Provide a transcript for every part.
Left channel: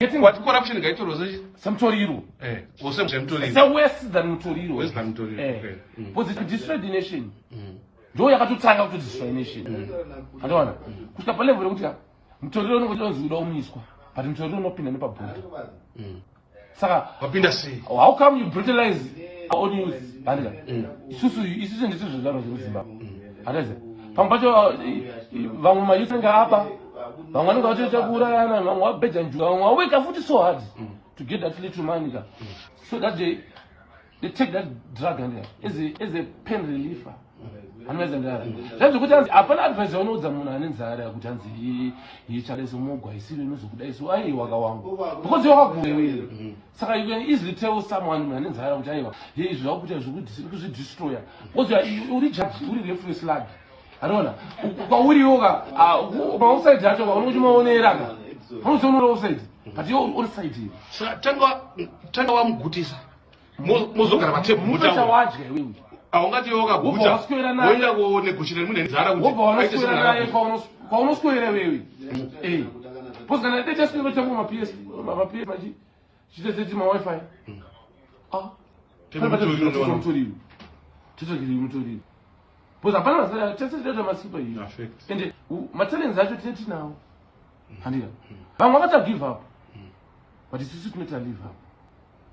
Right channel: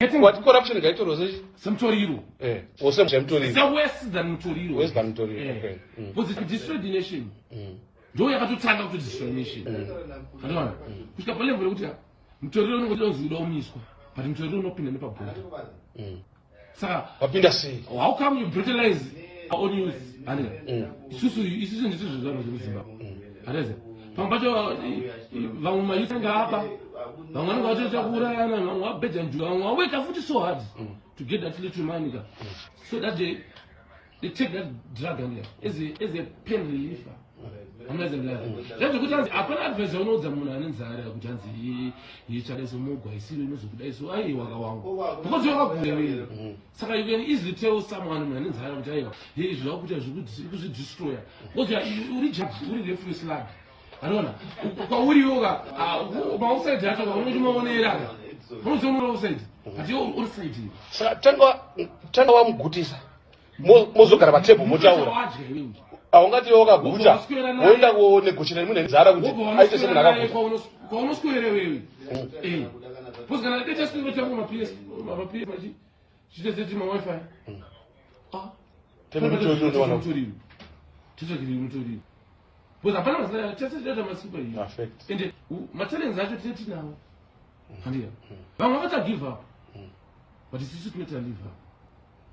What corruption get to Rosie? Some Toriro. Or some Century. It's a worse than Toriro. West Century. Was it to destroy the nation? Do you have to tag out to destroy the nation? I don't know. Who's the level of Toriro was on the Domisco, but in Torino, no pin and paper. Sarah, how come you brutalize our own youth? Susu, isn't this a Pampajo, Vama using Gapa, Vamana got to Gura and what better and you wake up with so hard to get that little money. So that they take that drug and is a pain reliever. That's the good answer. Upon advice, I know the Muna and Zara, which answer he challenges more. I see the why you are going. Because you are so you can easily tell someone and Zara, he is not because it's destroyer. What's your reject? Will you free slab? I don't know. But will you go outside that? Who's on side? But you're all side. Tell one goodies. Most of the aungati yoga buza oenda ko negotiate mune nzara kuti paunosco era wewe pois kana te just niwe tamu mapies maji chite te ma wifi tebe mutori pois apana sasa tese masipa hiyo ende matele nzaje tete nawo haniya vamwe vata give up but isusu tuneta live up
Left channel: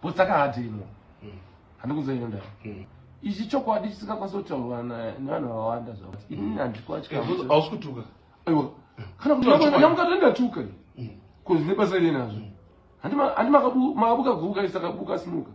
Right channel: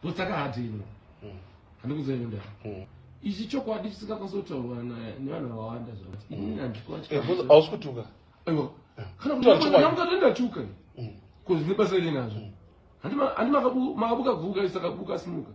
pois taka hadilo handikuzoenda Is it what this is going to tell one? No, I don't know. Ausgetuga. I'm not in the Tukan. Because Nipazelinas. And my Buga is a Buga smoke.